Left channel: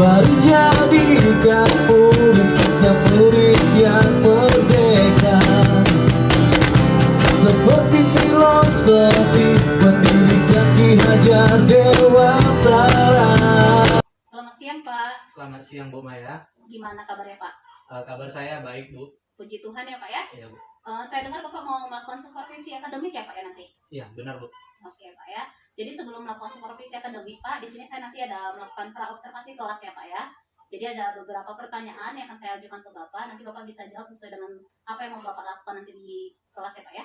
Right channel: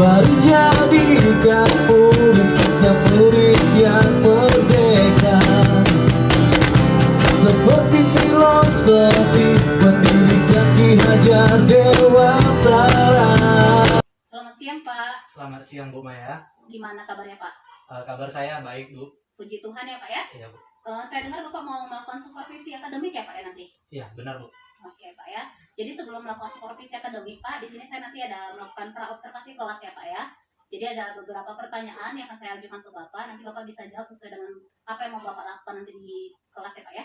baru jadi murid yang merdeka. Seperti filosofi pendidikan Ki Hajar Dewantara. Selamat siang Pak. Selamat siang Bu Maya. Gimana kabarnya Pak? Kabar saya baik Bu. Puji Tuhan ya Pak ya. Iya Bu. Saya dengar Bapak mau melakukan supervisi akademik ya Pak ya nanti? Iya benar Bu. Oke Pak ya. Jadi sebelum melakukan supervisi akademik Pak, di sini saya nanti ada melakukan praobservasi kelas ya Pak ya. Jadi ada beberapa pertanyaan yang akan saya ajukan ke Bapak. Nanti Bapak bisa jawab sesuai dengan apa yang mau Bapak lakukan nanti di kelas ya Pak ya.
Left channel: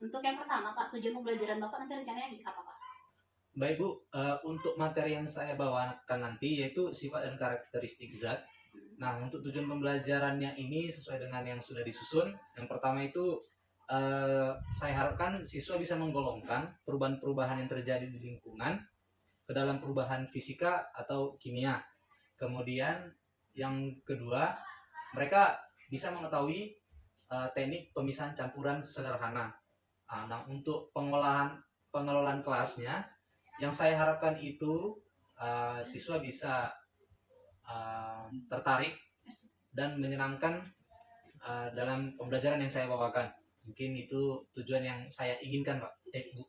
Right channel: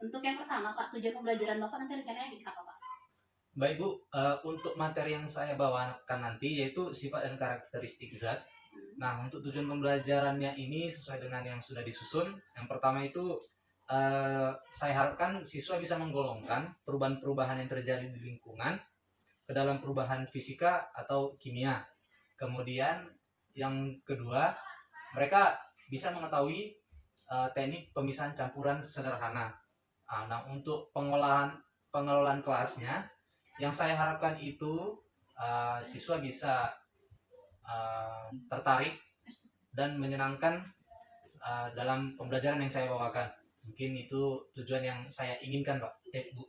Untuk yang pertama Pak, tujuan pembelajaran Bapak nanti rencananya apa Pak? Baik Bu, untuk materi yang saya bawakan nanti yaitu sifat dan karakteristik zat. Nah, untuk tujuan pembelajarannya ini sesuai dengan yang sudah disusun. Yang pertama itu saya harapkan siswa bisa menggolongkan perubahan-perubahan yang terjadi di lingkungan ke dalam perubahan fisika atau kimia. Kemudian yang kedua, mereka bisa mengetahui teknik pemisahan campuran sederhana. Nah, untuk pengelolaan kelasnya, yang saya harapkan itu siswa bisa tertarik dan menyenangkan dalam pembelajaran yang saya bawakan. Mungkin itu tujuan yang saya inginkan Pak. Bu.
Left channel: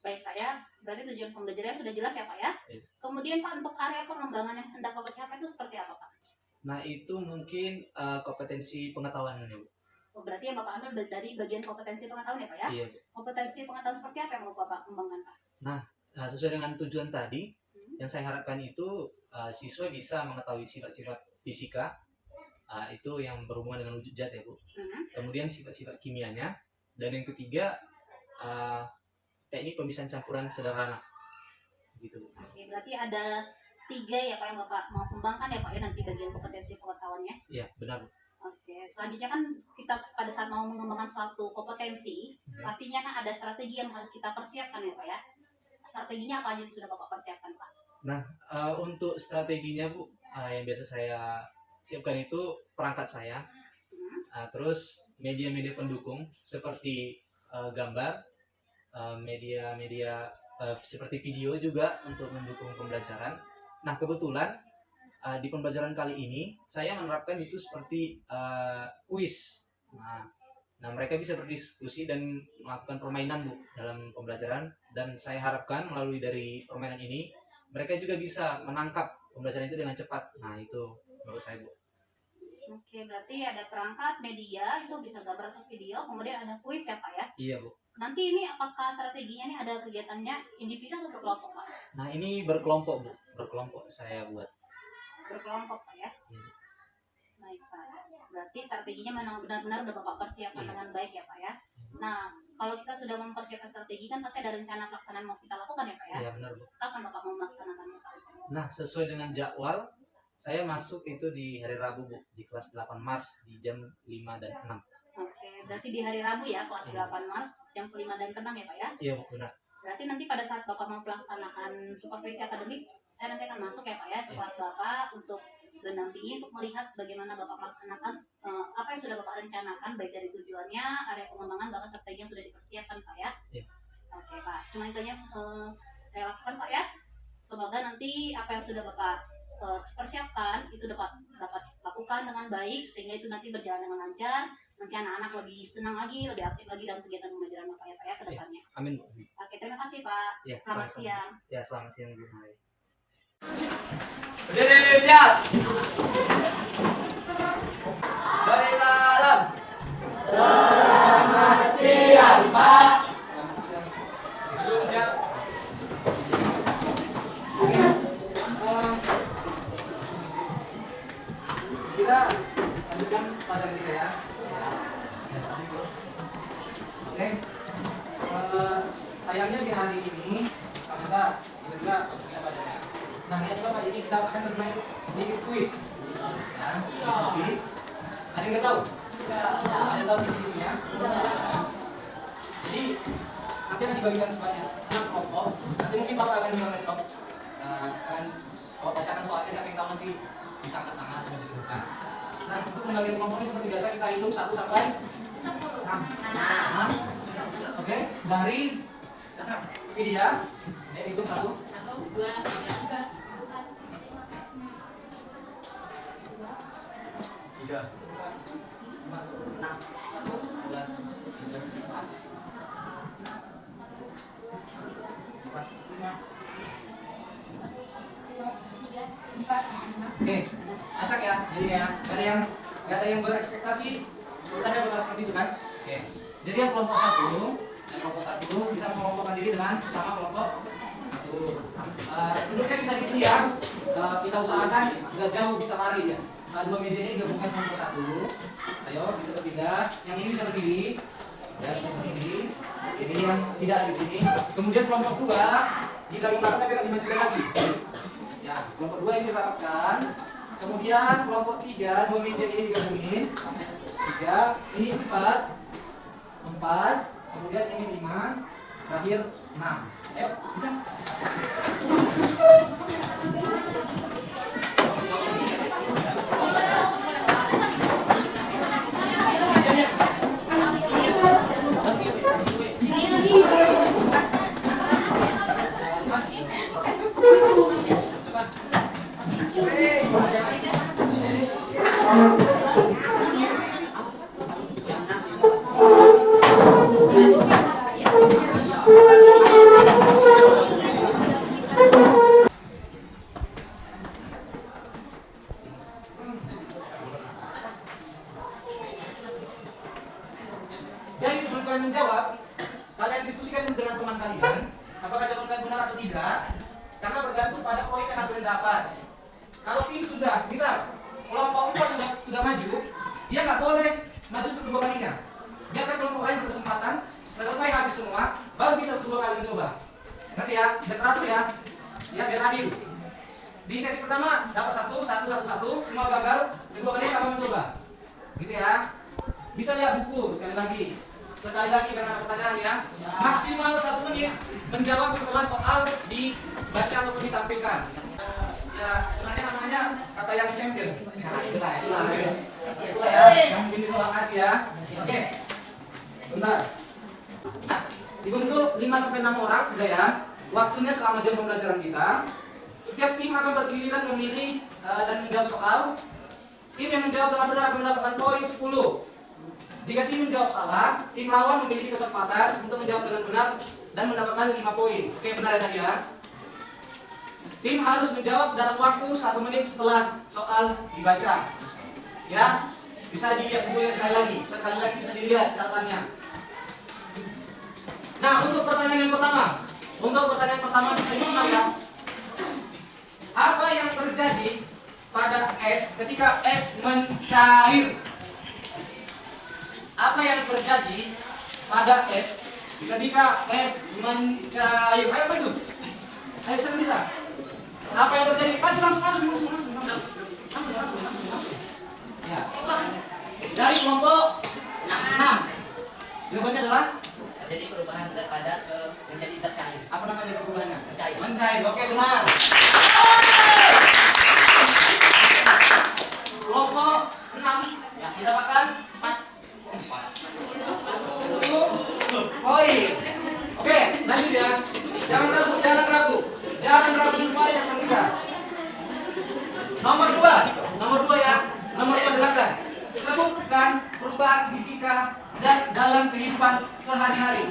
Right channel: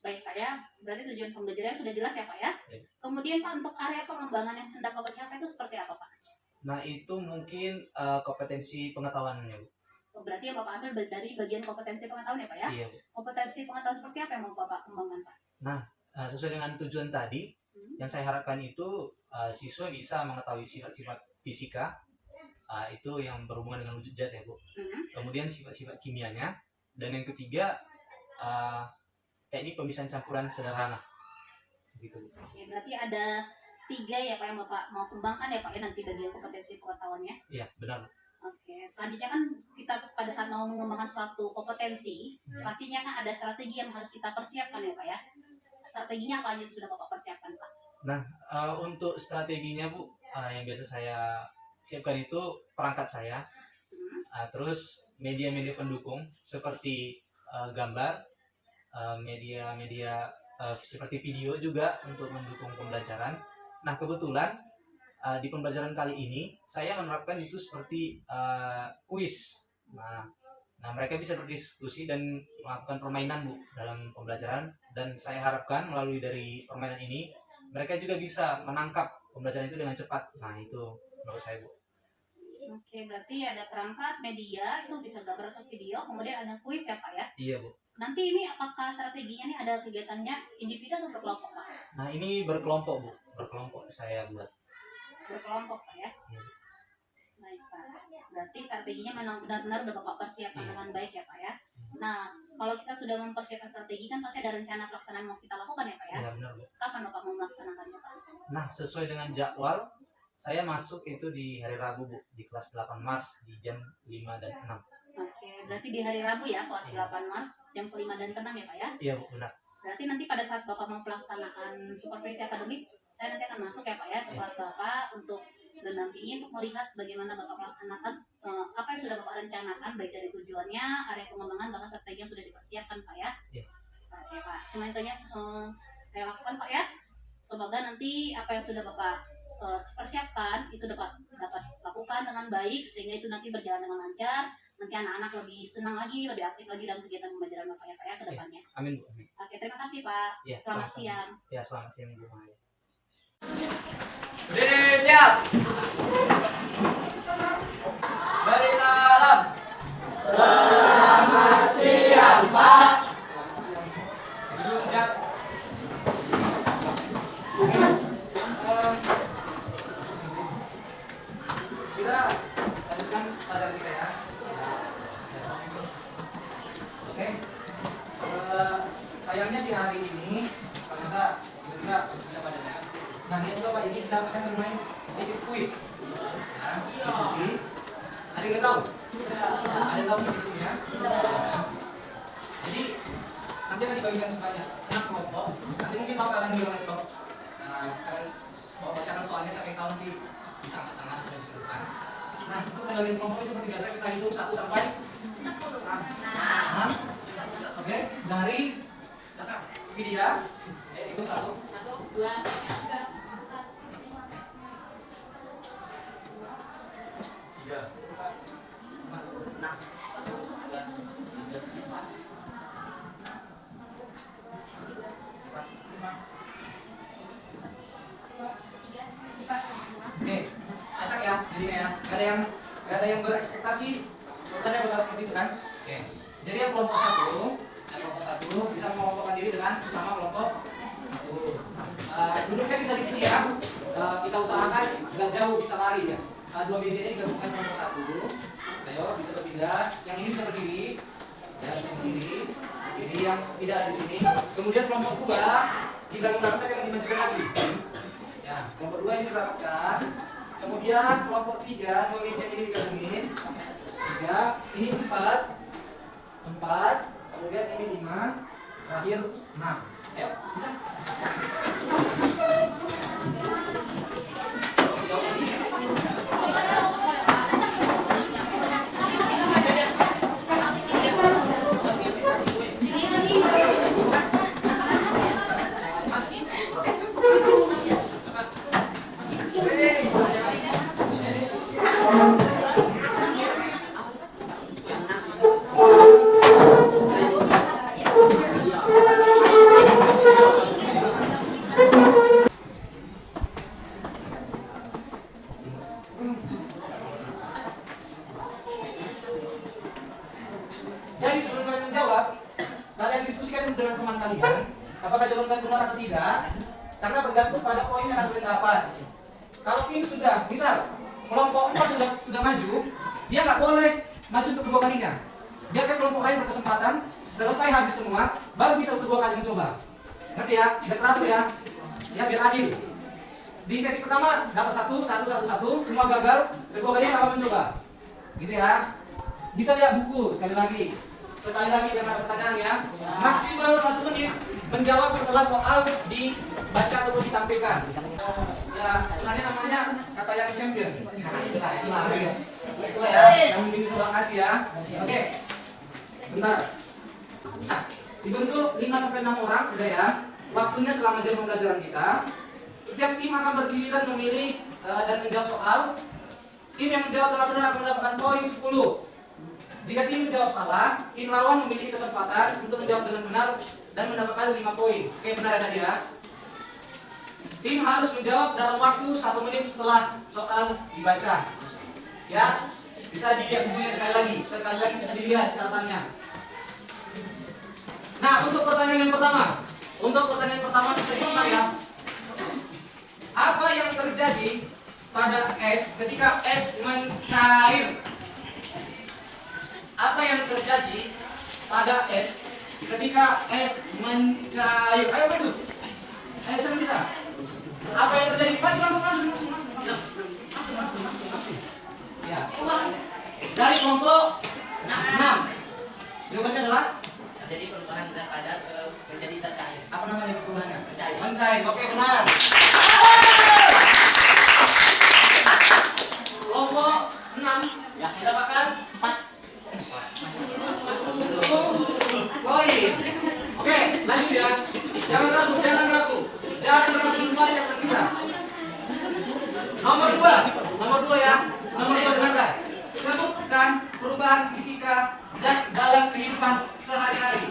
Baik Pak ya, berarti tujuan pembelajarannya sudah jelas ya Pak ya. Kemudian Pak, untuk area pengembangan yang hendak Bapak capai itu seperti apa Pak? Nah, itu mungkin kompetensi pengetahuannya Bu. Berarti yang Bapak ambil dari bagian kompetensi pengetahuan ya Pak ya? Iya Bu. Kompetensi pengetahuan seperti apa yang mau Bapak kembangkan Pak? Nah, sesuai dengan tujuan tadi, yang saya harapkan itu siswa bisa mengetahui sifat-sifat fisika, itu yang berhubungan dengan wujud zat ya Bu. Kemudian sifat-sifat kimianya, dan yang ketiga teknik pemisahan campuran sederhana. Gitu Bu. Oke, berarti ada 3 ya Pak yang Bapak mau kembangkan ya Pak ya nanti bagian kompetensi pengetahuannya? Iya, benar Bu. Oke, selanjutnya kan kita pada saat mau mengembangkan suatu kompetensi, pastinya kan ada strategi yang harus kita persiapkan ya Pak ya. Strateginya apa aja sudah Bapak persiapkan Pak? Nah, untuk strateginya Bu, yang biasa saya siapkan itu perangkat saya, terus media-media pendukung seperti gambar, media-media seperti video juga untuk mendukung pembelajaran. Nah, kebetulan di pembelajaran kali ini saya menerapkan itu seperti kuis. Nah, mereka bisa berdiskusi dan melakukan permainan Bu dalam pembelajaran, dan saya harapkan melalui dari permainan ini mereka juga bisa menangkap pembelajaran itu dengan cepat. Nah, itu menurut saya Bu. Oke, berarti ada perangkat, media, itu bisa gambar atau video, kemudian ada kuis ya Pak ya? Iya Bu. Nanti ini apakah strateginya nih ada kegiatannya individu atau berkelompok Pak? Nah, ini berkelompok Bu, berkelompok saya buat. Berkelompok Pak ya? Iya. Baik Pak, berarti strateginya memang benar-benar udah Bapak persiapkan dengan baik ya Pak ya? Nah, kalau kita sudah mempersiapkan strategi kan pasti ada rencana pelaksanaan mau kita lakukan ya Pak ya? Iya benar Bu. Kapan Bapak mau melaksanakannya Pak? Nah, sesuai dengan jadwal, saya masuk itu di hari Rabu Bu, di kelas 8 Mars di jam 5 dan 6. Oke, berarti di hari Rabu ya, kelas 8 Mars, jam ke-5 dan ke-6 ya Pak ya? Iya Bu, benar. Berarti nanti pada saat Bapak mau pelaksanaan supervisi akademik, saya nanti akan masuk ya Pak ya, ke kelas Bapak untuk mendampingi, untuk melihat bagaimana Bapak melaksanakan apa yang sudah Bapak rencanakan, baik dari tujuannya, area pengembangan, bahkan strategi yang sudah dipersiapkan Pak ya? Iya. Oke Pak, cuma itu aja saya lakukan Pak ya. Semoga nanti apa yang sudah Bapak persiapkan itu dapat lakukan dengan baik, sehingga itu nanti berjalan dengan lancar. Nanti anak-anak lebih senang lagi, lebih aktif lagi dalam kegiatan pembelajaran Bapak ya Pak ya ke depannya. Amin Bu. Oke, terima kasih Pak. Ya, Selamat sama-sama. siang. Ya, selamat siang Bu Maya. Berdiri, siap. Beri salam. Selamat siang, Pak. Siap. Kita lanjutkan pelajaran kita ya. Oke. Sayangnya di hari ini kita juga bisa bacanya. Nah, ini Bapak, ini kita akan bermain sedikit kuis. Ya, diskusi. Ada yang nggak tahu? Nah, ada yang tahu diskusinya? Jadi nanti akan dibagikan semuanya. Anak kelompok. Nanti mungkin Bapak akan bilang laptop. Akan Bapak bacakan soalnya, siapa yang tahu nanti bisa angkat tangan atau maju ke depan. Nah, untuk membagikan kelompok ini seperti biasa kita hitung 1 sampai 6. Oke, dari ini dia. Hitung 1, 2, 3, 4, 5, 6. Oke, acak ya. Jadi kayak nggak ada yang berekspektasi urutannya bakal seperti itu kan? Oke. Jadi yang kelompok satu bisa mengelompokkan diri dengan sama kelompok satu. Duduknya bisa di sini ya. Kita usahakan nggak jauh, bisa lari ya. Dua BJ ini digabungkan kelompok satu. Ayo bisa berpindah. Yang ini bisa berdiri. Ya, bisa berdiri. Ini yang tidak ada di sini. Kemudian kelompok dua digabungkan kita dimensikan lagi. Ya, kelompok dua ini dirapatkan. Kemudian kelompok tiga, dua BJ ini digabungin. Tiga, ini empat, kemudian ini 5, terakhir 6. Ayo, bisa? Jadi sebelum kalian menjawab, kalian diskusikan dengan teman kalian apakah jawabannya benar atau tidak, karena bergantung pada poin yang kalian dapat. Kalau ini sudah, misal kelompok 4 sudah maju, dia nggak boleh maju untuk kedua kalinya. Biarkan kelompok lain berkesempatan, selesai habis semua, baru bisa untuk 2 kali mencoba. Ngerti ya? Biar teratur ya. Ya biar adil. Di sesi pertama dapat 1, semua gagal, kedua kalinya akan mencoba. Gitu ya. Bisa lihat buku sekali lagi karena pertanyaannya maksimal 1 menit menjawab setelah soal dibaca atau ditampilkan. Ya sebenarnya namanya kata yang champion. Itulah ya yang ini coba kasih ya. Oke, bentar. Dibentuk 5-6 orang udah ya. Waktunya selama jam pembelajaran kita. Setiap tim akan bergiliran memilih dan menjawab soal. Tim yang menjawab dengan benar akan mendapatkan poin 10. Jika tim menjawab salah, tim lawan memiliki kesempatan untuk menjawab dengan benar dan mendapatkan 5 poin. Oke, benar ya? Tim harus menjawab dalam waktu 1 menit setelah soal dibaca. Ya, bisa dilihat bukunya sekali lagi bisa dilihat catatannya. Nah, untuk pertanyaan yang pertama bisa disimak ya. Apa yang terjadi pada es ketika es mencair? Apa yang terjadi pada es ketika es mencair? Ayo maju. Ayo bisa. Apa yang terjadi? Maju langsung. Ya. Dari kelompok 6. Jawabannya adalah Jadi perubahan zat padat menjadi zat cair. apa namanya perubahannya? Mencair. Mencair. Oke, benar. Kelompok 6 yang mendapatkan 4 poin. Oke, lanjut ya. Jangan ragu semua di catatan kita. Nomor 2 ya. Nomor 2 dengarkan. Sebutkan perubahan fisika zat dalam kehidupan sehari-hari.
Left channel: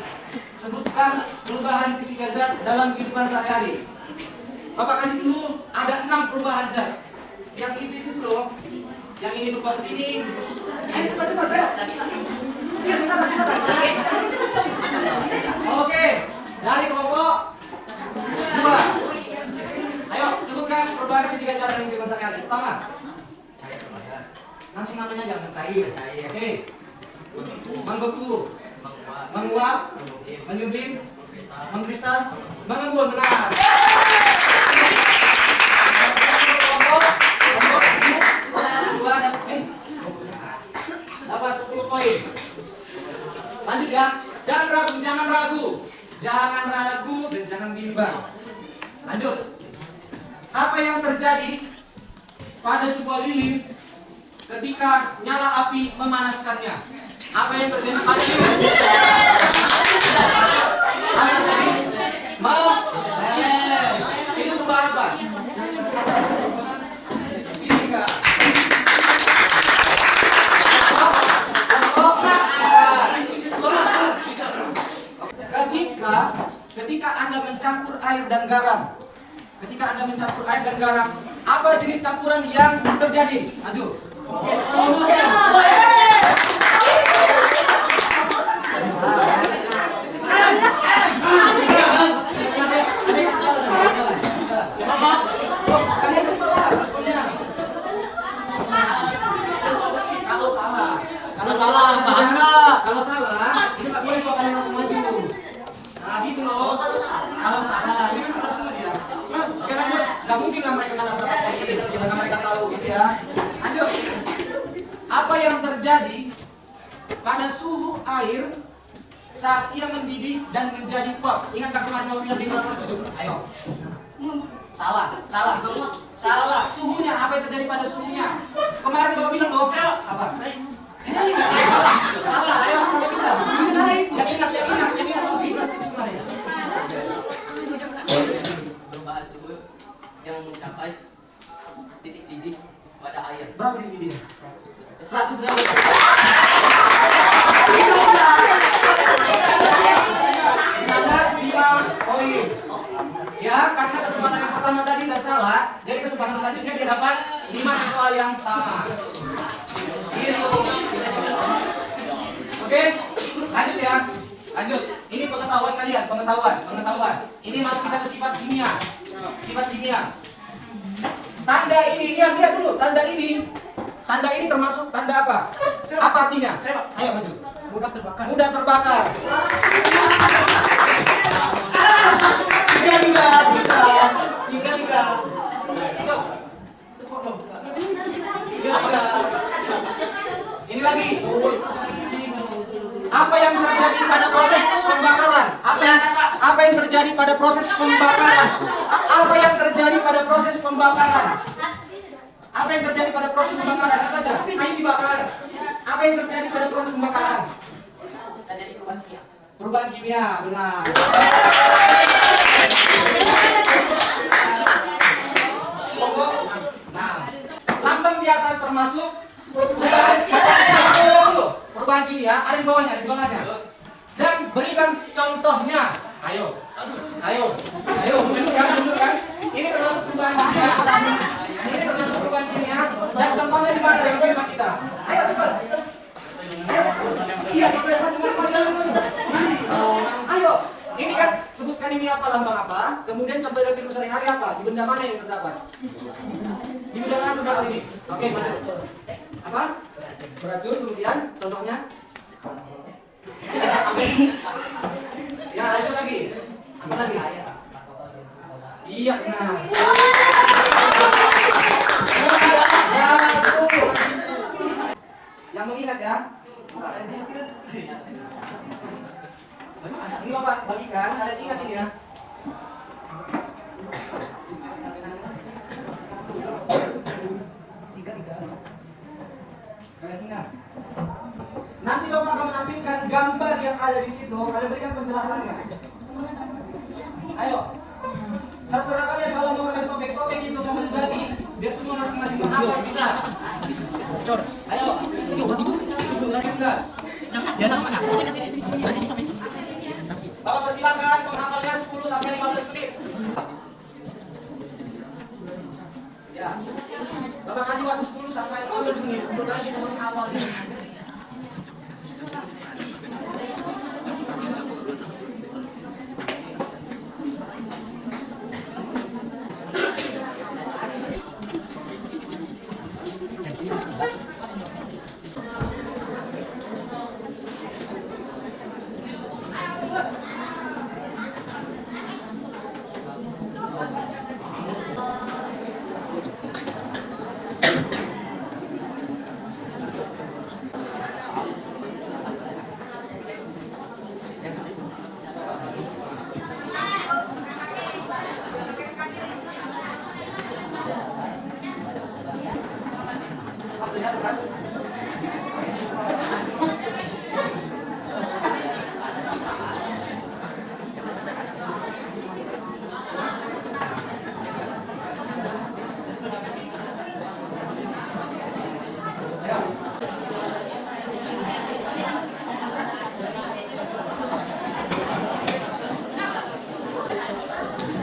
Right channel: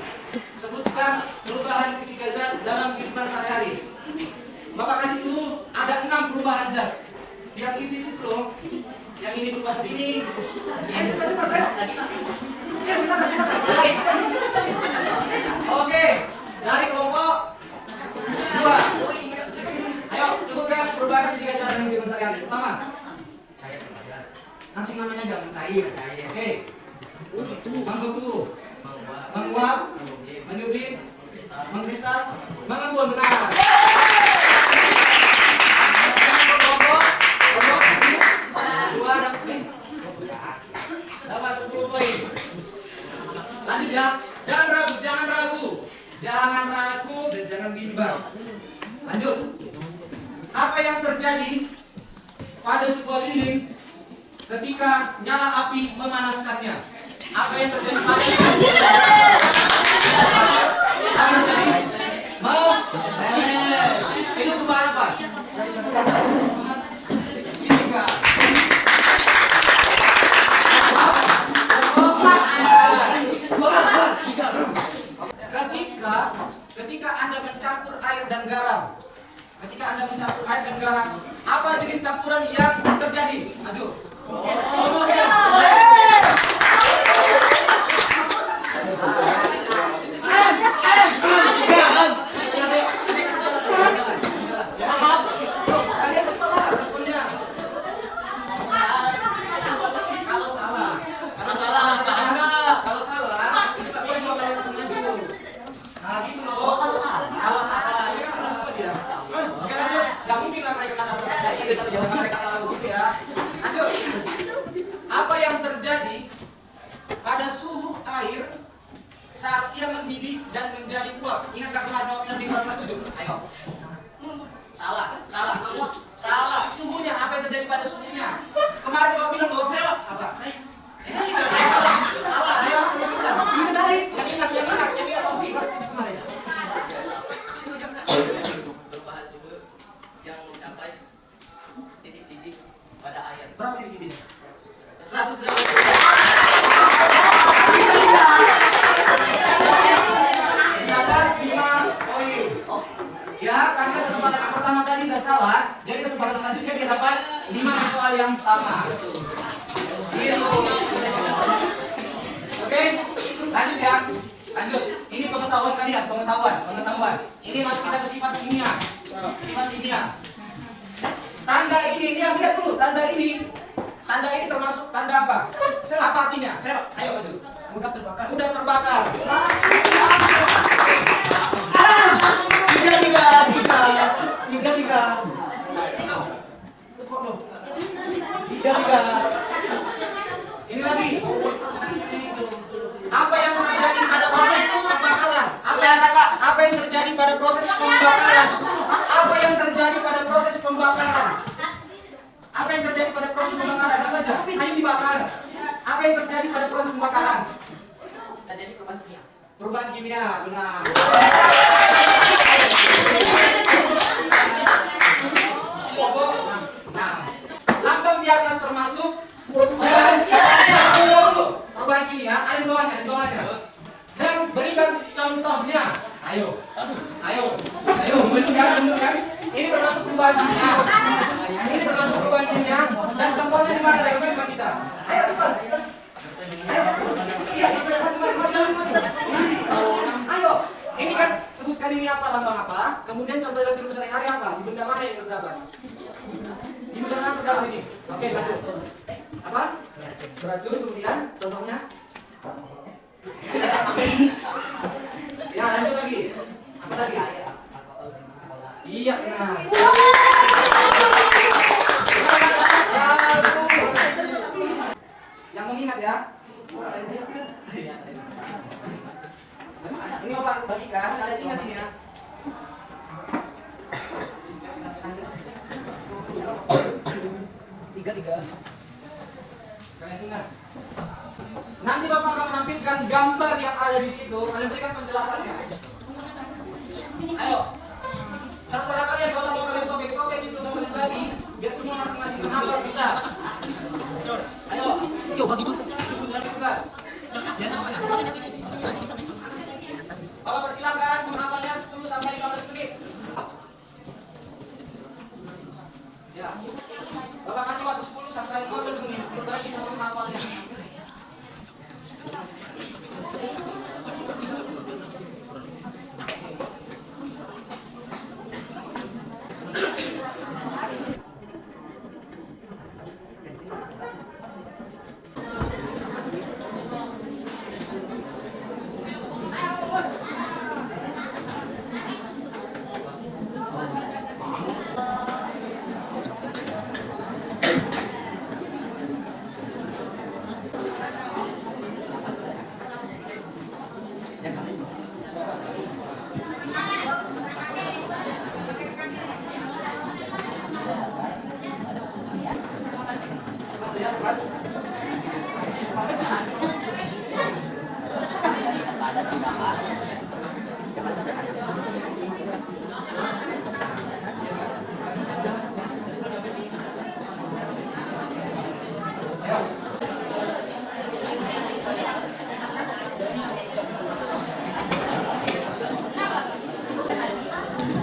Sebutkan perubahan fisika zat dalam kehidupan sehari-hari. Bapak kasih dulu ada 6 perubahan zat. Yang itu loh. Yang ini berubah ke sini. Oke, dari kelompok 2. Ayo sebutkan perubahan fisika zat dalam kehidupan sehari-hari. Pertama, langsung namanya aja mencair. Oke. Membentuk, menguap, menyublim, mengkristal, mengembun. Benar. Dapat 10 poin. Lanjut ya. Jangan ragu dan jangan bimbang. Lanjut. Apa yang terjadi pada sebuah lilin ketika nyala api memanaskannya? Apa yang terjadi pada lilin? Itu perubahan apa? Fisika. Ketika Anda mencampur air dan garam, Anda mencampur air dan garam. Apa jenis campuran yang terjadi? Maju. Kalau salah, kalau salah, ini nggak boleh bakal langsung maju. Nah, gitu loh. Kalau salah, ini kan langsung maju ya. Karena nggak mungkin lah mereka kena berapa kali, karena mereka tahu gitu ya. Lanjut. Apa yang terjadi pada suhu air saat ia mendidih dan menjadi uap? Ingat tak pernah mau bilang di kelas 7? Ayo. Salah. Suhunya, apa yang terjadi pada suhunya? Kemarin Bapak bilang loh, salah. Salah, ayo kamu bisa. Yang ingat waktu di kelas 7 kemarin. Perubahan suhu yang mencapai titik didih pada air. Berapa titik didih? 100 derajat. Dapat 5 poin. Ya, karena kesempatan yang pertama tadi nggak salah, jadi kesempatan selanjutnya dia dapat 5 di soal yang sama. Gitu. Oke, lanjut ya. Lanjut. Ini pengetahuan kalian, pengetahuan. Ini masuk kita ke sifat kimia. Sifat kimia. Tanda ini, lihat dulu. Tanda ini termasuk tanda apa? Apa artinya? Ayo maju. Mudah terbakar. Tiga. Ini lagi. Apa yang terjadi pada proses pembakaran? Apa yang terjadi pada proses pembakaran? Apa yang terjadi pada proses pembakaran? Apa yang terjadi pada proses pembakaran? Apa aja? Kayu dibakar. Apa yang terjadi pada proses pembakaran? Terjadi perubahan kimia. Perubahan kimia, benar. Nah, lambang di atas termasuk perubahan kimia, ada di bawahnya. Dan berikan contohnya. Ayo, menunjukkan. Ini termasuk perubahan kimia. Dan contohnya di mana dari mereka kita? Ayo cepat. Iya, ayo. Ini kan sebutkan ini apa, lambang apa. Kemudian contoh elektrik sehari-hari apa? Di benda mana yang terdapat? Di benda mana terdapat ini? Oke, lanjut. Apa? Beracun, kemudian contohnya. Ya, lanjut lagi. Apa lagi? Iya, nah. Yang mengingat ya. Ini Bapak bagikan, kalian ingat ini ya. Kalian ingat. Nanti Bapak akan menampilkan gambar yang ada di situ. Kalian berikan penjelasannya. Ayo. Terserah kalian kalau mau kalian sobek-sobek itu mau lagi, biar semua masing-masing menghafal bisa. Ayo. Gas. Bapak persilakan menghafalnya 10 sampai 15 menit. Ya. Bapak kasih waktu 10 sampai 15 menit untuk kalian bisa menghafalnya.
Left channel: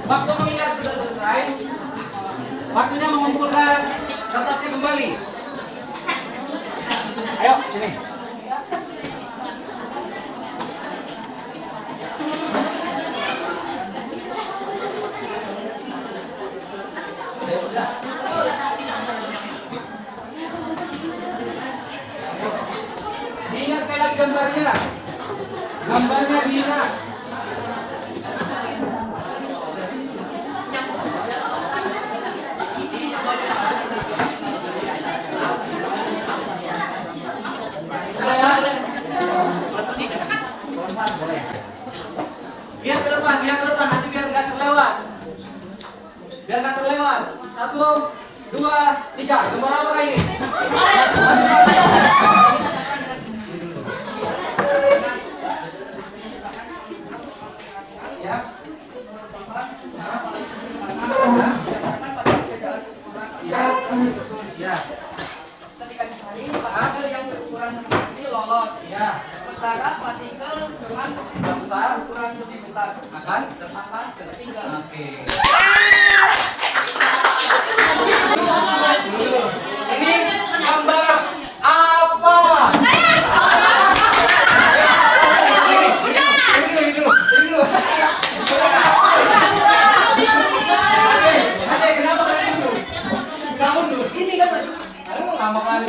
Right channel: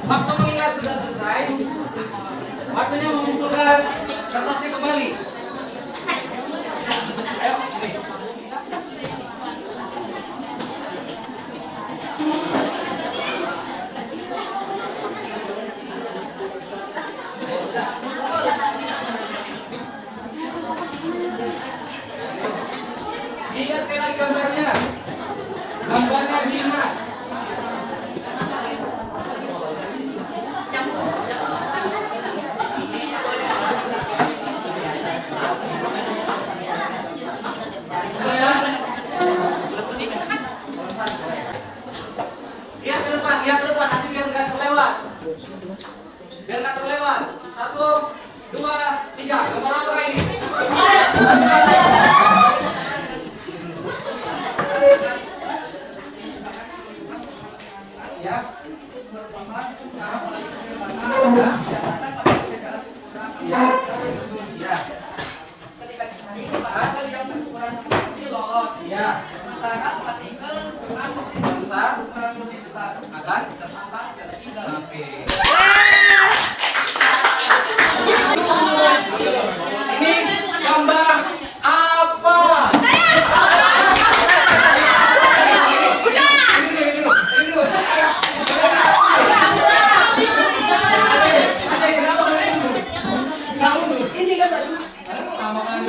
Waktu mengingat sudah selesai. Waktunya mengumpulkan kertasnya kembali. Ayo, sini. Dina sekali lagi gambarnya. Gambarnya Dina. Lihat ke depan, nanti biar nggak terlewat. Biar nggak terlewat. 1, 2, 3. Gambar apa ini? Ya. Ya. Ya. Ini lolos. Ya. Sementara partikel dengan Besar kurang lebih besar akan. terlambat ketiga. Oke. Ini gambar apa? Ini kan lama kan?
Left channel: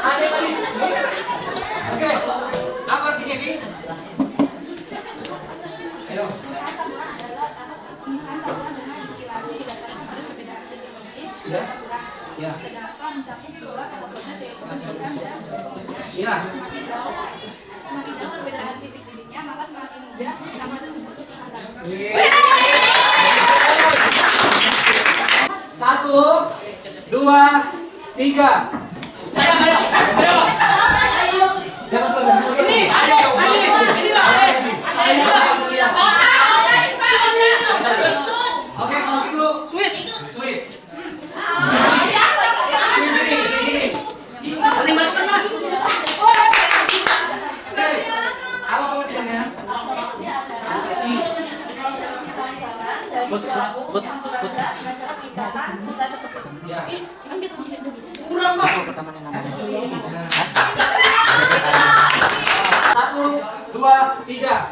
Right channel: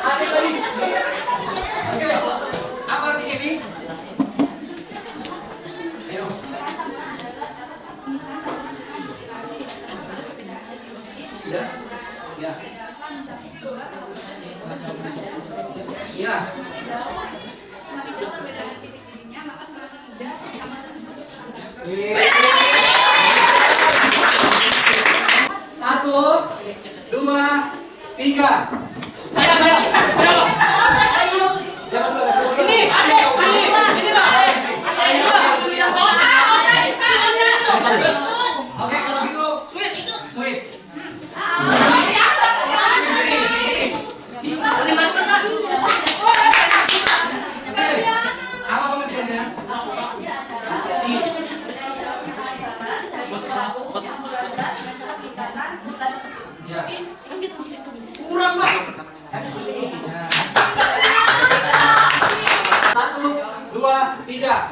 Ada tadi. Oke. Apa artinya ini? Ayo. Sudah? Ya. Iya. Satu, dua, tiga. Saya. Jangan terlalu. Ini Pak. Oke, kalau gitu sweet. Apa pengertiannya? Ya. Kurang Pak. 1, 2, 3.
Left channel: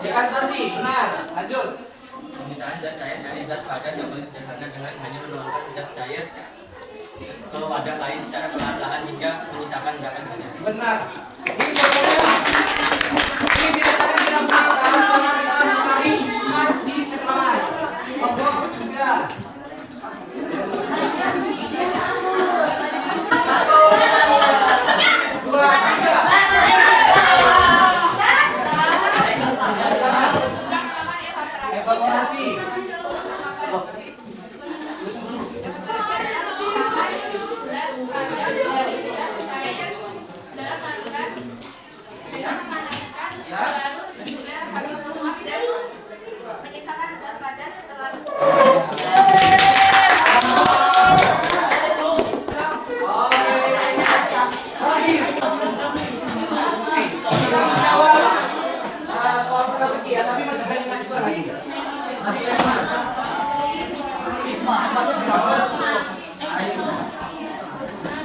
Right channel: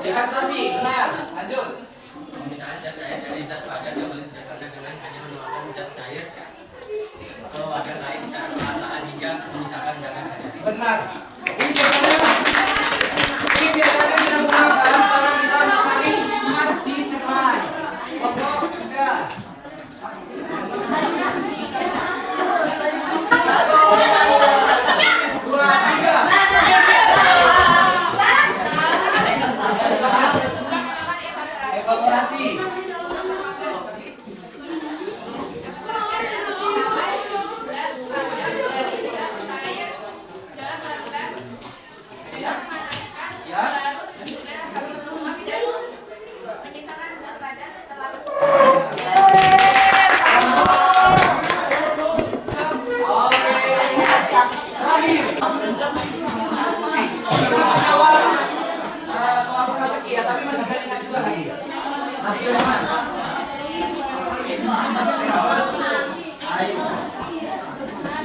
Dekantasi, benar. Lanjut. Pemisahan zat cair dari zat padat yang boleh sederhana dengan hanya menuangkan zat cair ke wadah lain secara perlahan hingga menyisakan endapan saja. Benar. Ini biasanya tidak menggunakan karena kita mencari emas di sepan. Pokok juga. Dua, tiga. Evaluasi. Ya. Soal teka-teki ya, tapi masih ada juga lagi. Masih ada mana?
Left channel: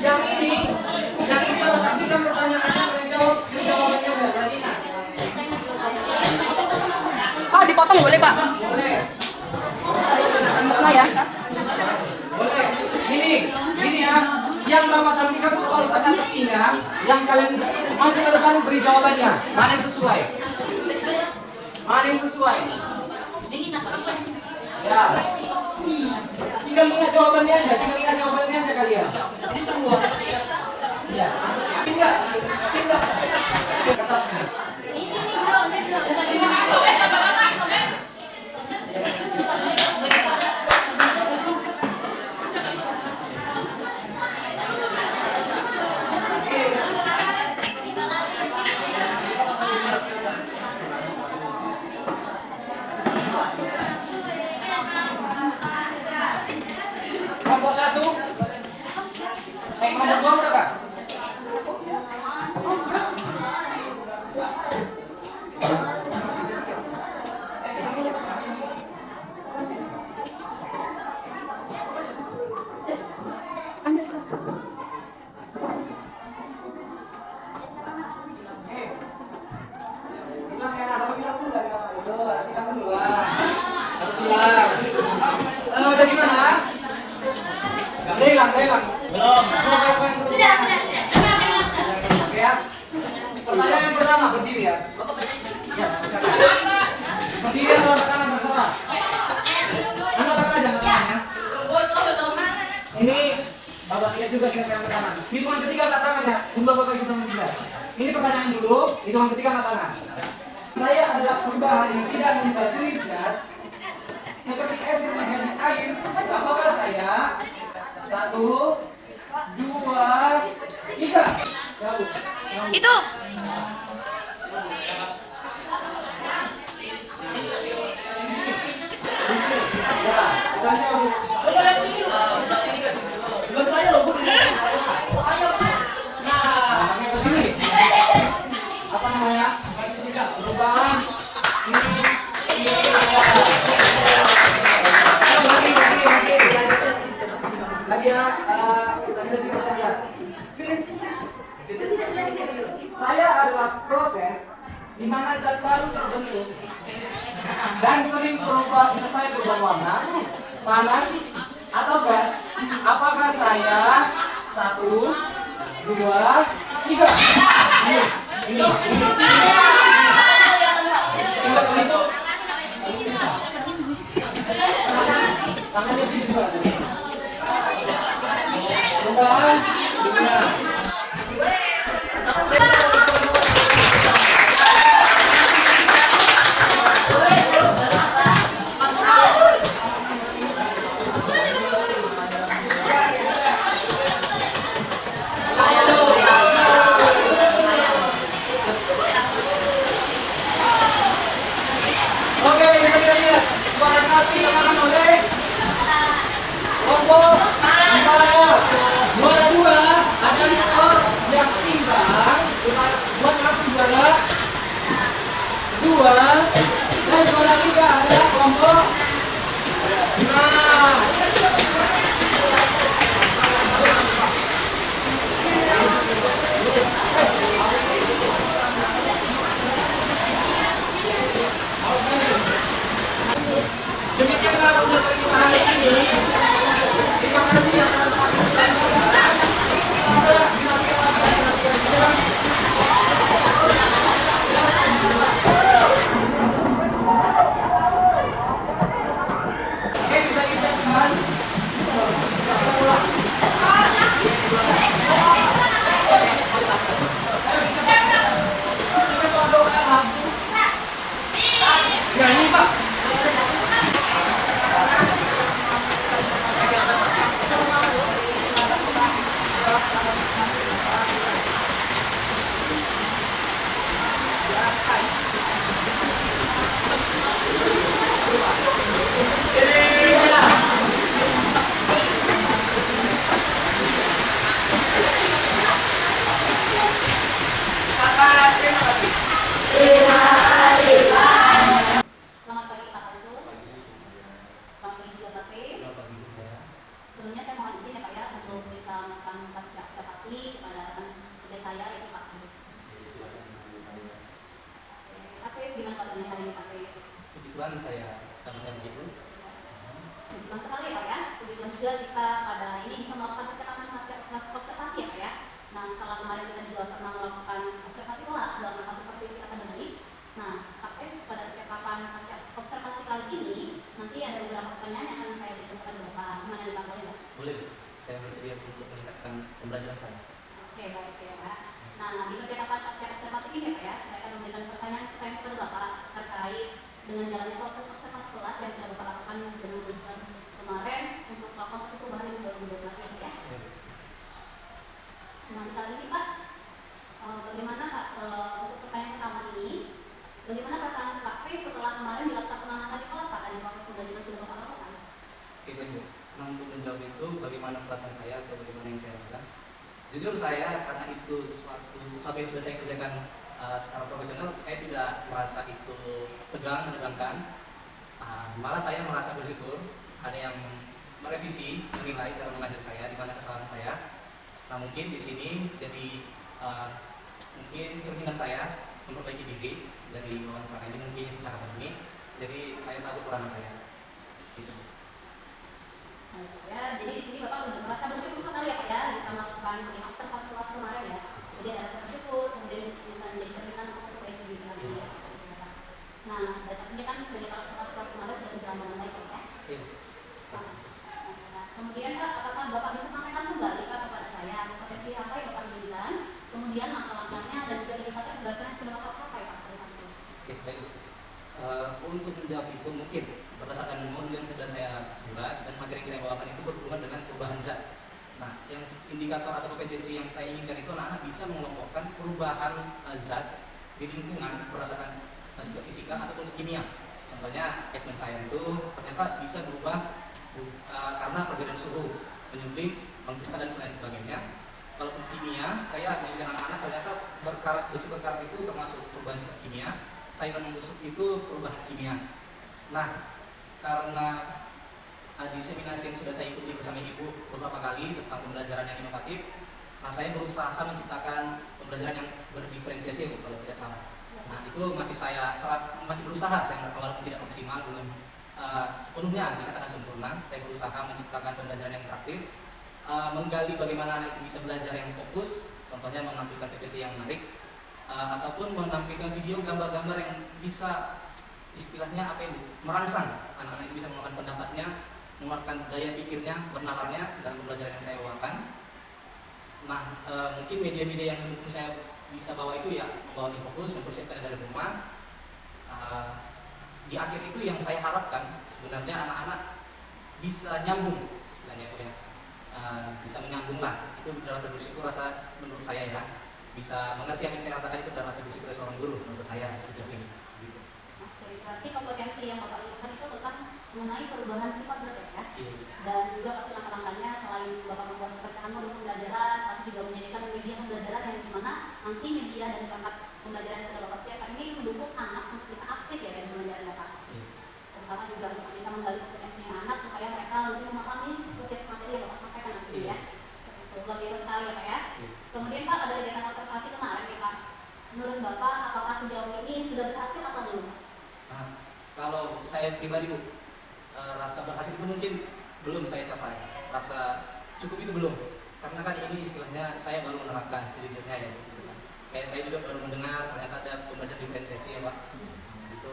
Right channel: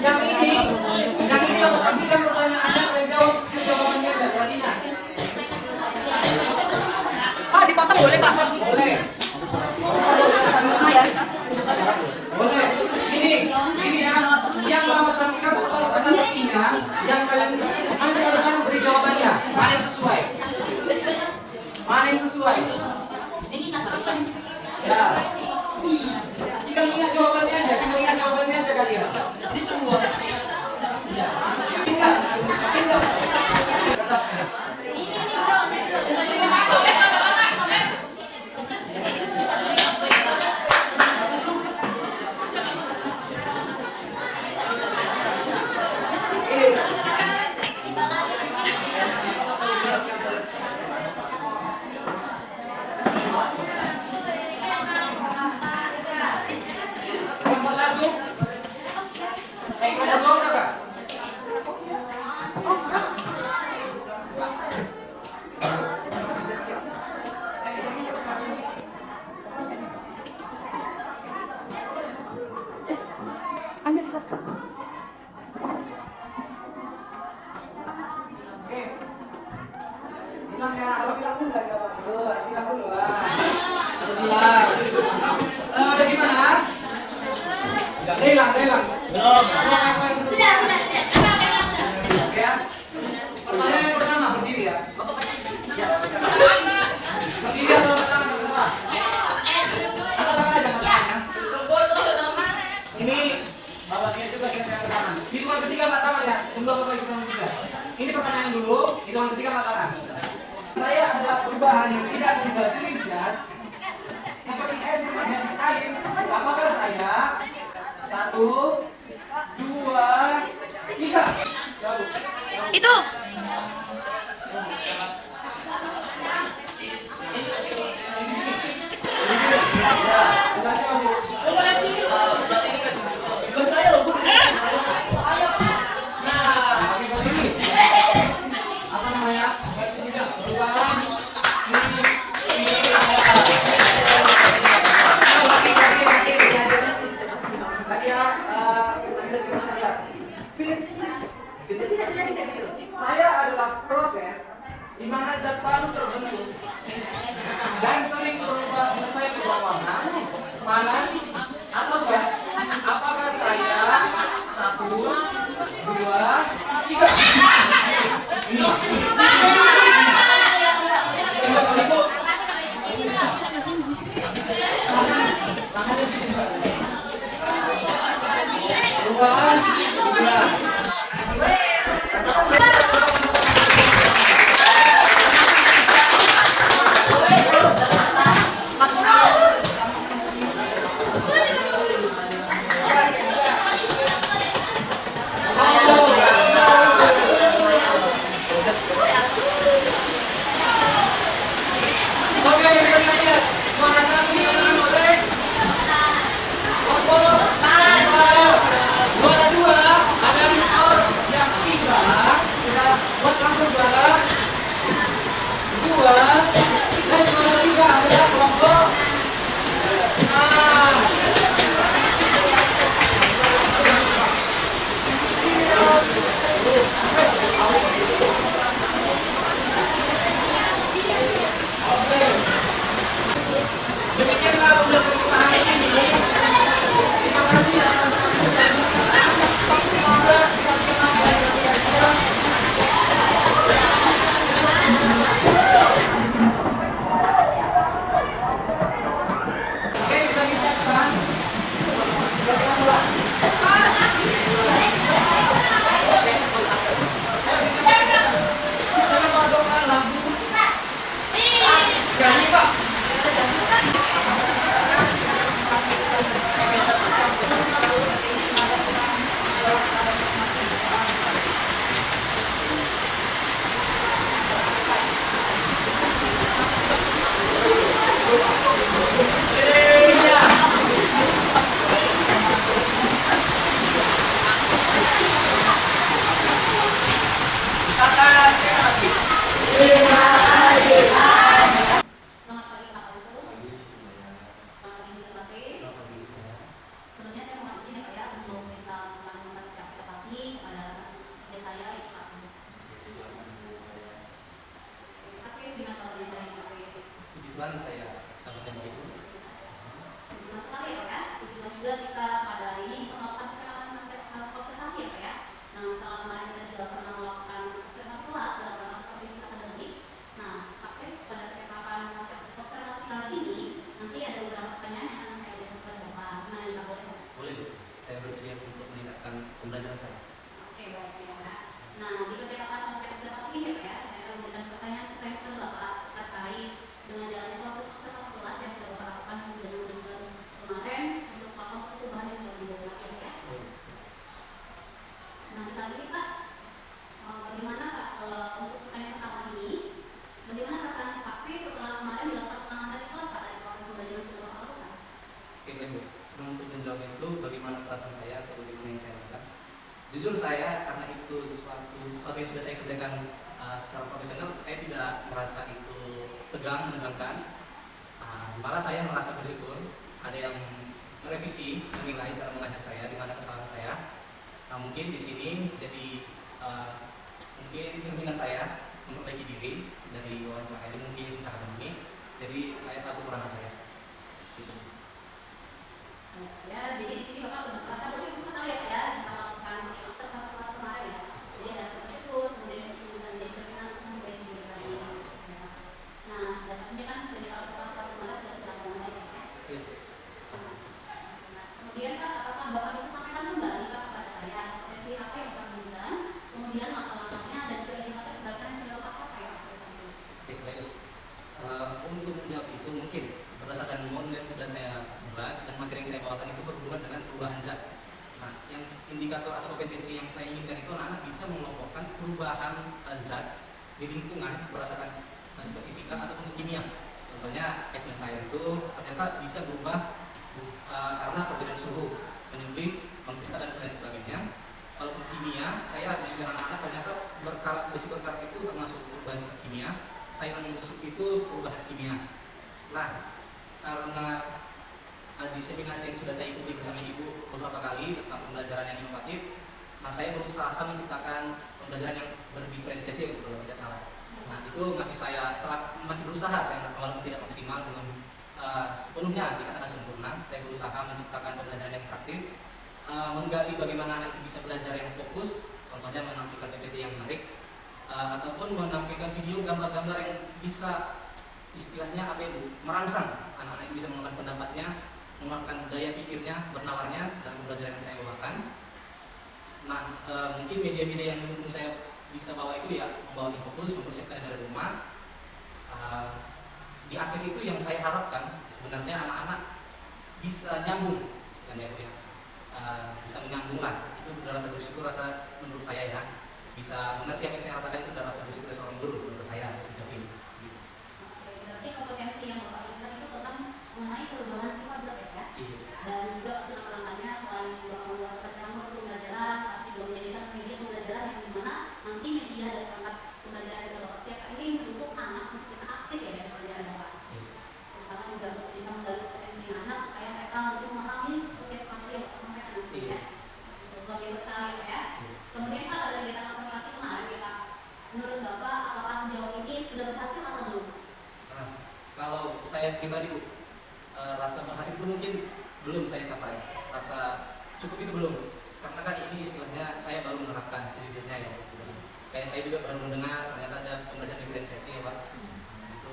Yang ini kamu ambilkan pertanyaannya, kalian jawab jawabannya aja. Yang ini. Oh, dipotong boleh, Pak? Boleh. Sama ya. Boleh. Ini ya. Yang Mama sampaikan soal teka-tekinya, yang kalian mau ke depan beri jawabannya. Mana yang sesuai? Mana yang sesuai? Ya. Tinggal lihat jawabannya aja, kalian. Ini semua. Ya. Tinggal. Kertasnya. Kelompok 1. Kelompok 2 berapa? namanya apa bilang dulu ya Pak? Bilang dulu lah. Harus hilang. Udah gimana? Udah hilang. Belum. Sudah. Oke ya. Pertanyaan yang pertama berdiri ya. Berdiri atau angkat tangan terserah. Angkat tangan aja, angkat tangan ya. Ini bapak lihat juga siapa yang angkat tangan. Hitungan ketiga angkat tangan ya. Tunggu bapak hitungan ketiga. Ini pertanyaan dulu. Hitungan ketiga angkat tangan. Saya adalah perubahan yang tidak membuat jenisnya seperti es yang menjadi air. Apakah saya 1, 2, 3? Itu. Ya, kita siapa dulu? Bukan saya loh, Bu. Nah, oke, berdiri. Apa namanya? Perubahan lagi ya, saya adalah proses di mana zat baru terbentuk dan sering berubah, disertai berubah warna, panas atau gas. Apakah saya 1, 2, 3? Ini. Coba itu. Tangan di sini. Perubahan. Oke, kita lihat. Suara 1 yang akan oleh Opo, suara 2 ada Rizko yang 3. Kita buat langsung suara 2 dan suara 3 ada kelompok 5. Demikianlah pembelajaran kita hari ini. Terima kasih atas perhatian. Kita saksikan lagi. Oke, bisa disiapkan. Kita mulai. Kita doa. Ya, ini Pak. Selamat pagi Pak Agus. Selamat pagi juga Pak Kris. Sebelumnya saya mohon izin ya Pak ya untuk bisa melakukan partisipasi kepada tugas saya ini Pak Agus. Pak Kris, gimana kabarnya hari ini Pak Kris? Puji Tuhan saya tambahkan ibu. Terima sekali ya Pak ya. Dan juga kita pada hari ini bisa melakukan observasi ya Pak ya. Nah setelah kemarin kita juga pernah melakukan observasi kelas dalam masa seperti kita akademik. Nah Pak Kris pada kesempatan observasi kali ini nanti ada beberapa pertanyaan yang akan saya ajukan kepada Bapak. Nah ini Pak boleh? Boleh Bu, saya bersedia untuk meningkatkan pembelajaran saya. Oke baik ya Pak. Nah nanti kita akan observasi ini ya Pak ya. Saya akan memberikan pertanyaan kepada Bapak terkait dengan jalannya proses observasi kelas yang sudah Bapak lakukan dengan bulan kemarin untuk proses perubahan yang 2012 ya. Nah kali ini Pak, bagaimana Pak untuk pertanyaan pertama ini? Bagaimana perasaan Pak Kris setelah kemarin dilakukan penanganan di kelas Pak dari proses belajar yang sudah Bapak lakukan? Oke Bu, nah untuk menjawab itu bagaimana perasaan saya atau bagaimana yang saya lakukan? Jujur saya karena itu sesuatu yang sudah saya kerjakan secara profesional, saya tidak merasa itu tegang, menegangkan. Malah saya merasa bersyukur ada yang merevisi, menilai cara mengajar saya, di mana kesalahan saya. Nah mungkin di sini jadi mungkin cerminan saya memperbaiki diri dari wawancara jadi saya tahu kekurangan saya. Gitu. Ya, jadi di sini Bapak merasa bersyukur sekali ya bisa melakukan observasi kelas kemarin ya. Jadi ada bersyukur, kemudian bisa menjadi berkenan sampai di dunia ini. Nah, dari sini kan kegiatan observasi kelas kemarin sudah berjalan dengan baik. Iya. Nah, kemudian kan apakah Bapak bisa sampaikan kembali Pak kepada saya potensi apa yang Bapak inginkan, kemudian langkah-langkahnya dan juga indikator berdasarkan yang sudah Bapak capai Pak ke depan ini. Oke, baik. Untuk menjawab itu mungkin berdasarkan model yang sudah saya buat dan materi yang saya bawakan itu berhubungan dengan perubahan zat. Nah, yang indikator atau kompetensi yang saya inginkan itu anak-anak bisa mengelompokkan perubahan zat di lingkungan berdasarkan seperti fisika ataupun kimia. Contohnya S9 saya itu ternyata bisa berubah karena perbedaan suhu, penyuntik, mengkristal dan sebagainya. Kalau kimia, saya dengan anak-anak ternyata besi berkarat itu termasuk perubahan zat kimia. Sayuran yang busuk itu perubahan kimia. Nah, karena diseminasi yang sudah saya ikuti bersama ibu beberapa kali tentang pembelajaran yang inovatif, nah saya berusaha menciptakan pembelajaran yang berdiferensiasi kalau tidak salah. Nah itu masih berusaha, saya walaupun tidak maksimal, belum sepenuhnya dikatakan sempurna. Saya berusaha menciptakan pembelajaran yang interaktif, menggali bagaimana anak bisa belajar yang fokus, contohnya menampilkan PPT yang menarik, ataupun menampilkan video gambar-gambar yang bisa istilahnya apa itu merangsang anak-anak bisa mengungkapkan pendapatnya, mengungkapkan daya pikirnya, bernalarnya dalam pembelajaran yang saya bawakan. Nah, mungkin media-media yang mendukung saya bisa bawa itu ya membawa infokus, mempersiapkan dari rumah. Di akhir itu yang saya harapkan sebenarnya anak-anak bisa nyambung, istilahnya ya, bisa menyambung lah. Itu rasa bersyukur, rasa menurut saya ya bisa mengerti apa yang saya katakan itu adalah rasa bersyukur dari seorang guru menurut saya sejauh ini. Berarti kompetensi yang Bapak inginkan itu tentang mengenai perubahan sifat zat ya? Iya. Dan juga langkah-langkahnya selain Bapak membuat pertemuan untuk pembelajaran, pasti juga menjadikan media pembelajaran yang dimana nanti media dan perangkat pembelajaran yang Bapak siapkan ini mendukung anak bisa aktif ya dari pembelajaran Bapak. Terutama juga bisa menggali kompetensi anak supaya mereka lebih memahami setiap materi yang Bapak sampaikan nanti ya. Itu luar biasa sekali ya Pak ya. Kemudian Pak ada kegiatan observasi kemarin ya Pak. Menurut Bapak apakah sejauh ini sudah berhasil atau belum? Nah, kalau saya pribadi Bu, rasa berhasil itu mungkin belum saya capai. Rasa cukup itu belum. Karena kan ini istilahnya saya baru menerapkan sejujurnya ya. Kayak saya juga baru mendengar ternyata ada pembelajaran diferensiasi ya Pak. Itu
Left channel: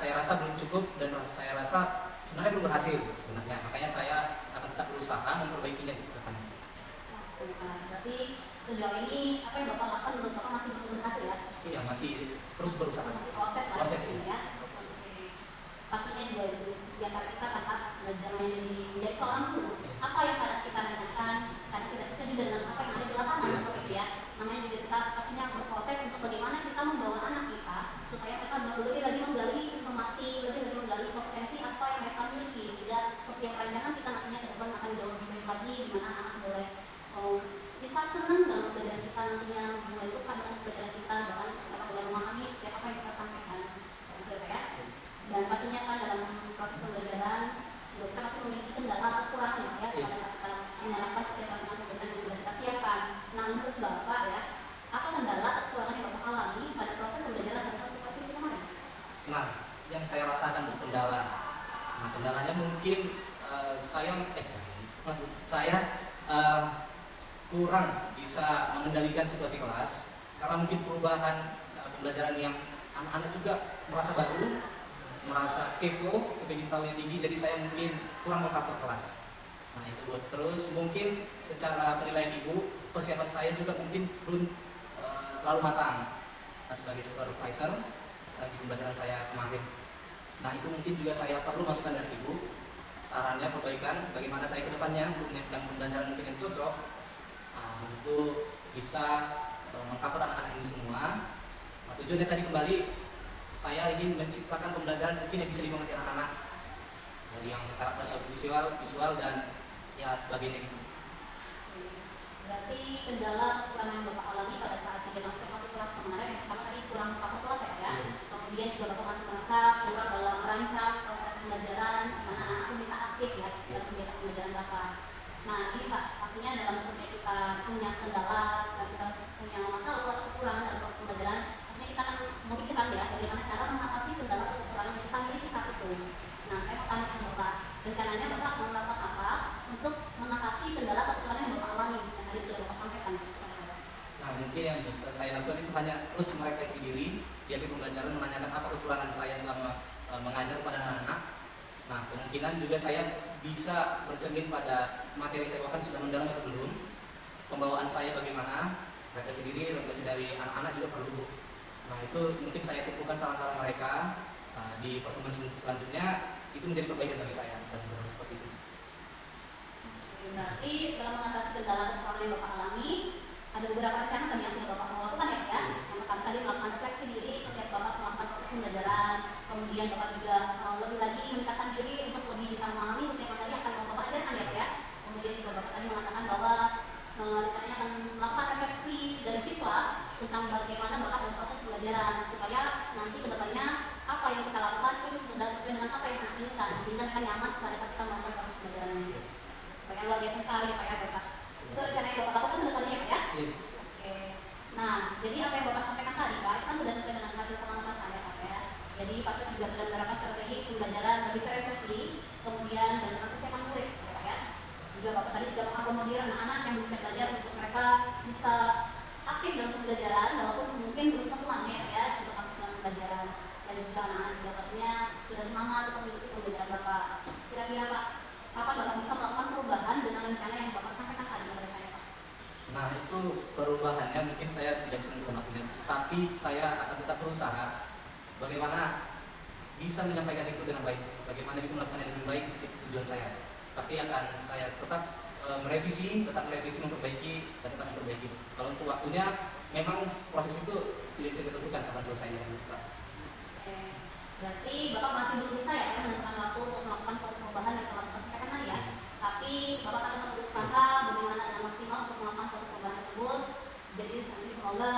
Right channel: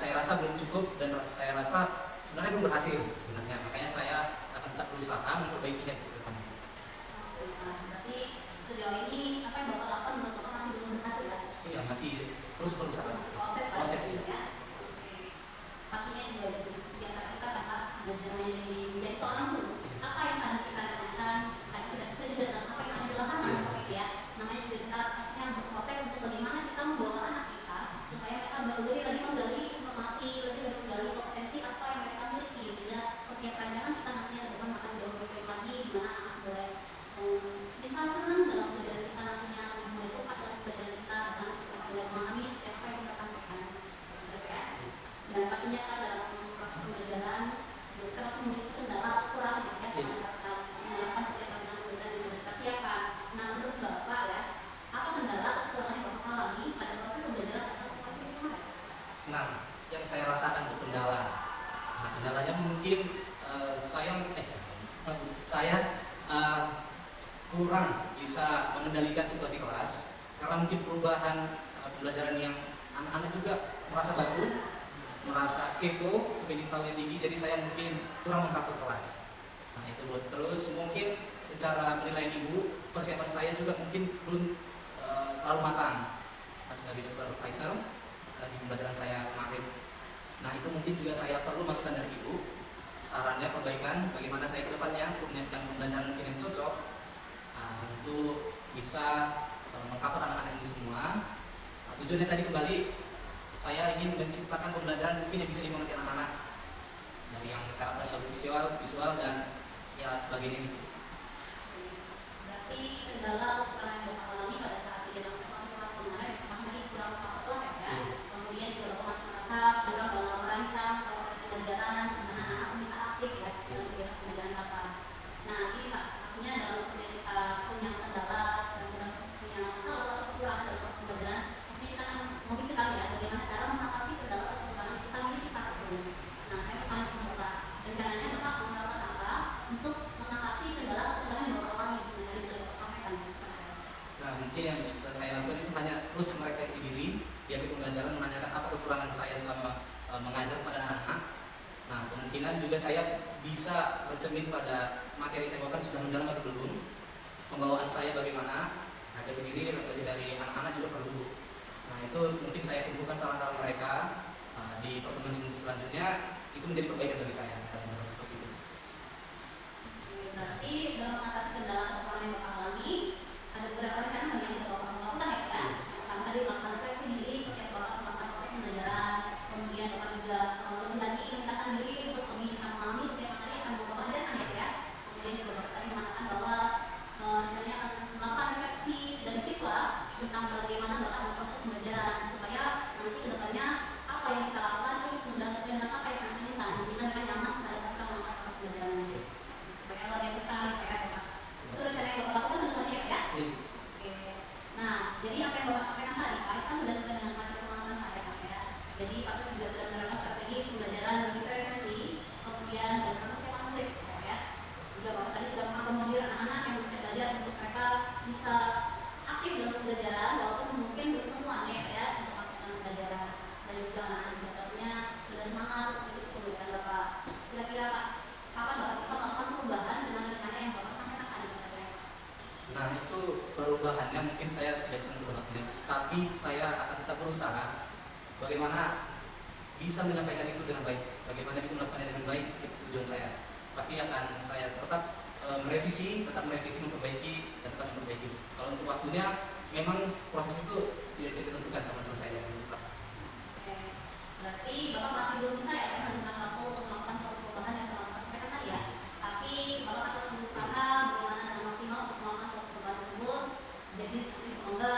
saya rasa belum cukup dan saya rasa sebenarnya belum berhasil sebenarnya. Makanya saya akan tetap berusaha memperbaikinya ke depan. Berarti sejauh ini apa yang Bapak lakukan menurut Bapak masih belum berhasil ya? Iya, masih terus berusaha. Masih proses lah Proses ya. ya. Pastinya juga di antara kita kan Pak belajarnya dari seorang guru. Apa yang kadang kita lakukan, kadang tidak sesuai juga dengan apa yang ada di lapangan seperti ya. Namanya juga kita pastinya berproses untuk bagaimana kita membawa anak kita supaya mereka lebih lagi menggali informasi, lebih lagi menggali kompetensi apa yang mereka miliki sehingga persiapan mereka kita nantinya ke depan akan jauh lebih baik lagi di mana anak boleh bisa senang dalam pelajaran kita nantinya, mulai suka dengan pelajaran kita, bahkan mereka boleh memahami setiap apa yang kita sampaikan. Gitu ya. Dan pastinya kan dalam proses pembelajaran juga kita pasti memiliki kendala kekurangan ya karena kita mengharapkan setiap macam pembelajaran yang kita siapkan. Nah menurut Bapak ya, apa kendala kekurangan yang Bapak alami pada proses pembelajaran pada saat seperti ini kemarin? Nah, yang saya rasakan itu kendala. Nah, kendalanya mungkin saya kurang bisa mengendalikan situasi kelas karena mungkin perubahan pembelajaran yang anak-anak juga merasa baru, merasa kepo, kepengen tahu yang tinggi, jadi saya mungkin kurang mengkaku kelas. Nah itu buat terus mungkin secara penilaian ibu, persiapan saya juga mungkin belum terlalu matang sebagai supervisor di pembelajaran saya kemarin. Nah itu mungkin juga saya perlu masukan dari ibu, sarannya perbaikan bagaimana saya ke depannya untuk menyiapkan pembelajaran mungkin yang cocok untuk bisa mengcover anak-anak ini semua. Nah, tujuannya tadi kembali saya ingin menciptakan pembelajaran mungkin yang bisa dimengerti anak-anak dari yang karakter visual dan ya sebagainya. Berarti kendala kekurangan yang Bapak alami pada saat di dalam satu kelas kemarin karena tadi kurang paham kelas ya. Kemudian juga Bapak masih merasa kurang merancang proses pembelajaran di mana anak bisa aktif ya dalam kegiatan pembelajaran Bapak. Nah ini Pak, pastinya dalam setiap kita punya kendala dan kita punya masalah atau kekurangan dalam pembelajaran, pastinya kita akan memikirkan ya bagaimana cara mengatasi kendala atau kekurangan yang kita miliki saat jalan-jalan menanyakan apa kekurangan saya selama mengajar pada anak-anak. Nah, kemungkinan juga saya bisa bercermin pada materi yang saya bawakan sudah mendalam atau belum, pembawaan saya bagaimana, refleksi diri, refleksi dari anak-anak juga perlu. Nah, itu mungkin saya tumpukan saran-saran mereka di pertemuan selanjutnya, itu menjadi perbaikan bagi saya. Seperti itu. Berarti dalam mengatasi kendala kekurangan yang Bapak alami, ada beberapa rencana yang sudah Bapak lakukan ya, yang akan tadi melakukan refleksi diri setiap Bapak melakukan proses pembelajaran, kemudian Bapak juga lebih lagi meningkatkan diri untuk lebih bisa memahami setiap materi akan Bapak ajarkan ya. Kemudian juga Bapak tadi mengatakan bahwa rencananya akan melakukan refleksi dari siswa tentang bagaimana Bapak proses pembelajaran supaya nanti kedepannya apa yang kita lakukan itu sudah sesuai dengan apa yang kita inginkan, sehingga mereka nyaman pada saat kita melakukan proses pembelajarannya. Supaya luar biasa sekali Pak ya Bapak. Itu rencana yang Bapak lakukan depannya ya. Oke. Nah, jadi apa yang Bapak sampaikan tadi Pak kan sudah sesuai dengan hasil pengalaman saya Pak ya. Jadi Pak juga sudah menerapkan strategi pembelajaran lebih terefleksi, kemudian dan proses yang murid ya. Juga Bapak tadi sudah mengakomodir anak-anak yang bisa belajar untuk mereka bisa aktif dalam pembelajaran walaupun mungkin belum semuanya ya untuk aktif dalam pembelajaran. Dan juga anak-anak katanya sudah semangat untuk mengikuti pembelajaran Bapak. Kira-kira Pak, kapan Bapak bisa melakukan perubahan dengan rencana yang Bapak sampaikan tadi kepada saya? Nah, itu perubahannya mungkin saya tidak bisa menentukan, tapi saya akan tetap berusaha bagaimana bisa menyampaikan itu dengan baik, bagaimana bisa melakukan dengan baik, itu tujuan saya. Pasti akan saya tetap merevisi, memperbaiki, dan tetap memperbaiki. Kalau untuk waktunya, memang proses itu tidak bisa ditentukan karena selesainya. Oke. Berarti Bapak masih belum bisa ya menentukan waktu untuk melakukan perubahan yang telah Bapak sampaikan tadi ya. Tapi Bapak akan berusaha bagaimana dengan maksimal untuk melakukan perubahan tersebut. Jadi semoga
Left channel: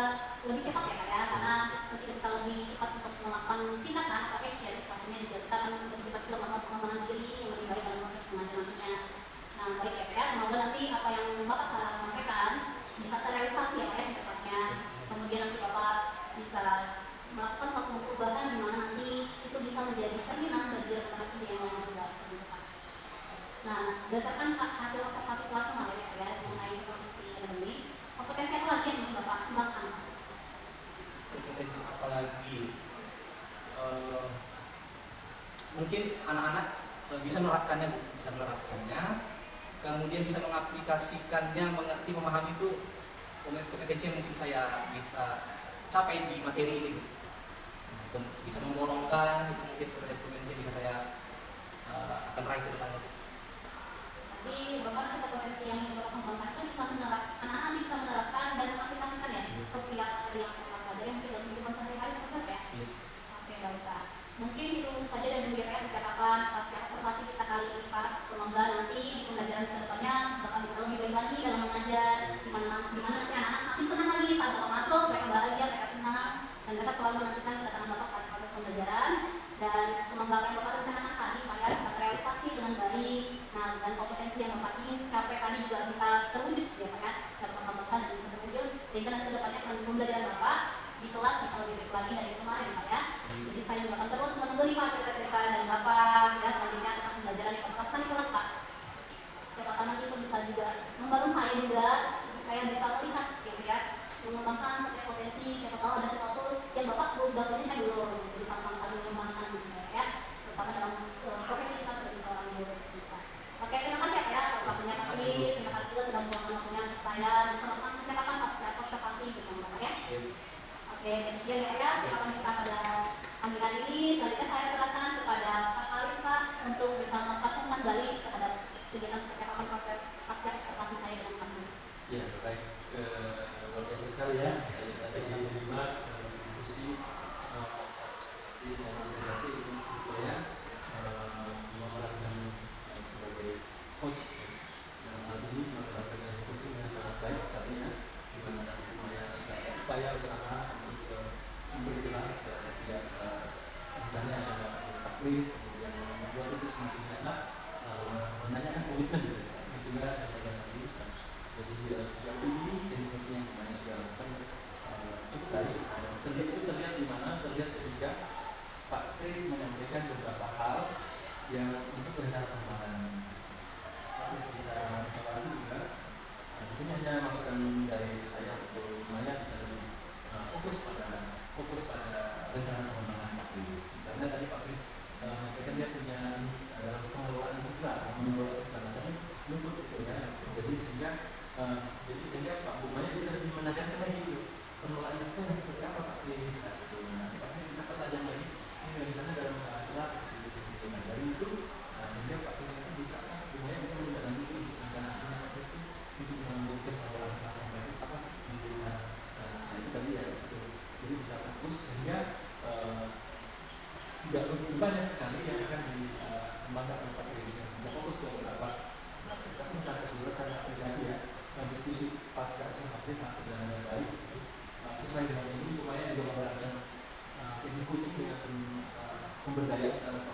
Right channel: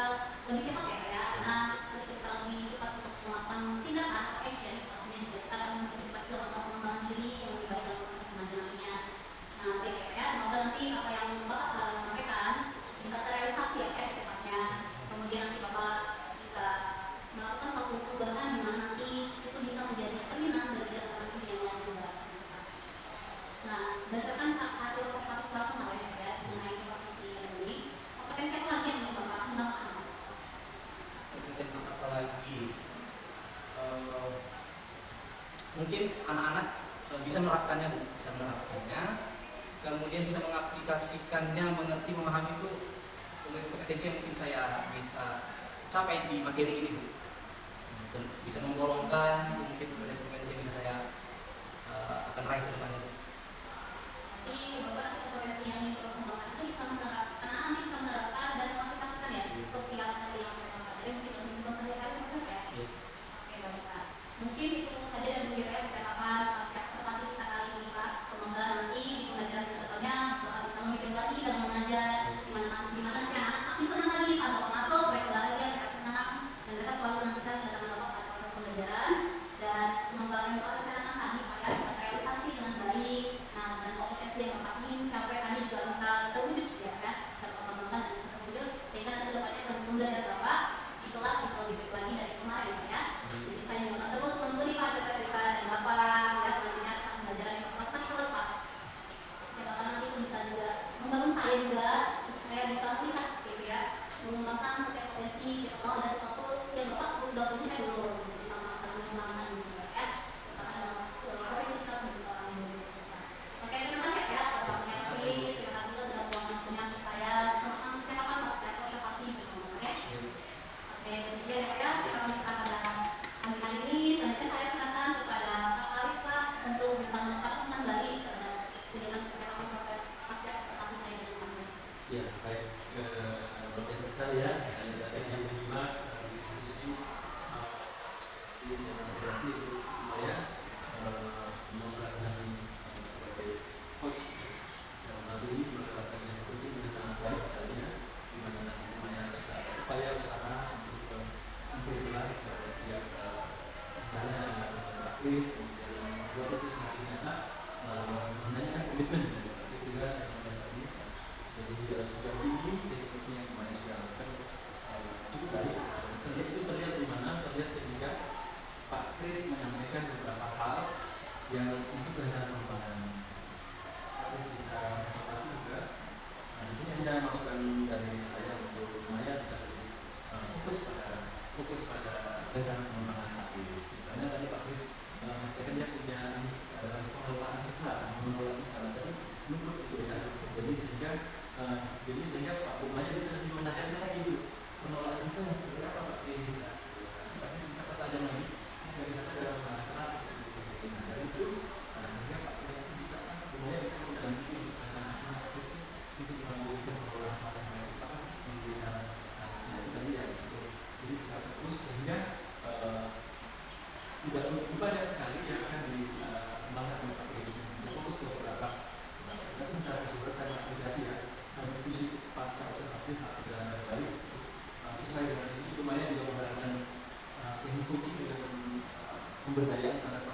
lebih cepat ya Pak ya, karena ketika kita lebih cepat untuk melakukan tindakan atau action, pastinya kita akan lebih cepat juga melakukan pengembangan diri yang lebih baik dalam proses kemajuannya. Nah, baik ya Pak ya, semoga nanti apa yang Bapak telah sampaikan bisa terrealisasi ya Pak ya secepatnya. Kemudian nanti Bapak bisa melakukan suatu perubahan di mana nanti itu bisa menjadi cerminan bagi rekan-rekan yang lain juga. Nah, berdasarkan hasil observasi kelas kemarin ya mengenai profesi ini, kompetensi apa lagi yang bisa Bapak kembangkan? Kompetensi apa lagi? Mungkin anak-anak bisa menerapkannya, kemudian bisa mengaplikasikannya, mengerti, memahami itu kompetensi yang mungkin saya bisa capai di materi ini. Bisa memborongkan, itu mungkin kompetensi yang bisa saya akan raih ke depannya. Jadi Bapak nanti kompetensi yang ingin Bapak kembangkan itu bisa menerapkan, anak-anak bisa menerapkan dan mengaplikasikan ya kepikiran tadi yang Bapak pelajari mungkin dalam kehidupan sehari-hari seperti ya. Oke Bapak. Mungkin itu saja yang boleh saya bicarakan observasi kita kali ini Pak. Semoga nanti pelajaran kedepannya bakal bisa lebih baik lagi dalam mengajar, dimana nanti anak-anak makin senang lagi saat Bapak masuk, mereka bahagia, mereka senang, dan mereka selalu menantikan kedatangan Bapak pada proses pembelajaran. Dan semoga apa yang Bapak rencanakan tadi Pak ya bisa terrealisasi dengan baik. Nah, dan kompetensi yang Bapak ingin capai tadi juga bisa terwujud ya Pak ya, bisa Bapak kembangkan dan bisa terwujud sehingga nanti kedepannya pembelajaran Bapak di kelas bisa lebih baik lagi dari kemarin Pak ya. Jadi saya juga akan terus menunggu nih Pak cerita-cerita dari Bapak ya selanjutnya pembelajaran yang Bapak lakukan di kelas Pak. Siapa tahu nanti itu bisa juga membangun saya juga, saya bisa melihat gitu ya, mengembangkan setiap kompetensi, siapa tahu ada sesuatu yang Bapak ini saya belum bisa mengembangkan gitu ya, terutama dalam profesi kita sebagai seorang guru. Oke, terima kasih ya atas waktunya Pak Nis, terima kasih juga sudah meluangkan waktunya untuk saya bisa melakukan percakapan Pak secara observasi bersama Bapak ya. Oke, kemudian ya kita lanjutkan pada pemilihan ini. Selanjutnya saya silakan kepada Pak Alis Pak untuk bisa melakukan kembali terhadap kegiatan percakapan proses pasca observasi saya dengan Pak Nis. Ya, baik. Luar biasa sekali ya. Saya dapat menyimak dalam diskusi organisasi saya menggunakan sebagai host hal ini merupakan yang penting dan sangat baik sekali ya. Di mana saya sudah upaya bersama untuk memperjelas setiap rencana yang praktis, kemudian membuat itu semakin enak, menanyakan komitmen itu juga yang tadi. Jadi sejauh ini diskusinya kemarin sudah akan cukup baik. Terlihat di mana? Terlihat ketika Pak Kris menyampaikan beberapa hal yang untuk rencana pengembangan harus bisa evaluasi juga. Nah, di sini ada masukan dari saya untuk lumayan bisa fokus pada rencana pengembangan Pak Kris. Misalnya tadi Pak Kris menyampaikan dia punya pengelolaan sisa, tapi menurut itu ya. Jadi sehingga Pak Bumanya bisa lebih menekankan lagi pengelolaan sisa yang seperti apa Pak Kris. Nanti Pak Kris bisa pertanyaan lagi. Karena dalam kelas dari itu sehingga Pak Kris bisa semuanya bisa mendampingi itu menggunakan pengelolaan kelas yang lain apa menggunakan itu tadi ya jadi bisa fokus sehingga tidak begitu banyak sekali yang akan dikembangkan oleh Pak Kris bisa fokus ke beberapa tapi secara keseluruhan sangat apresiasi ya diskusi pasca observasi sangat berjalan dengan baik sesuai dengan ini lumayan juga menggunakan ilmu coaching dengan pemberdayaan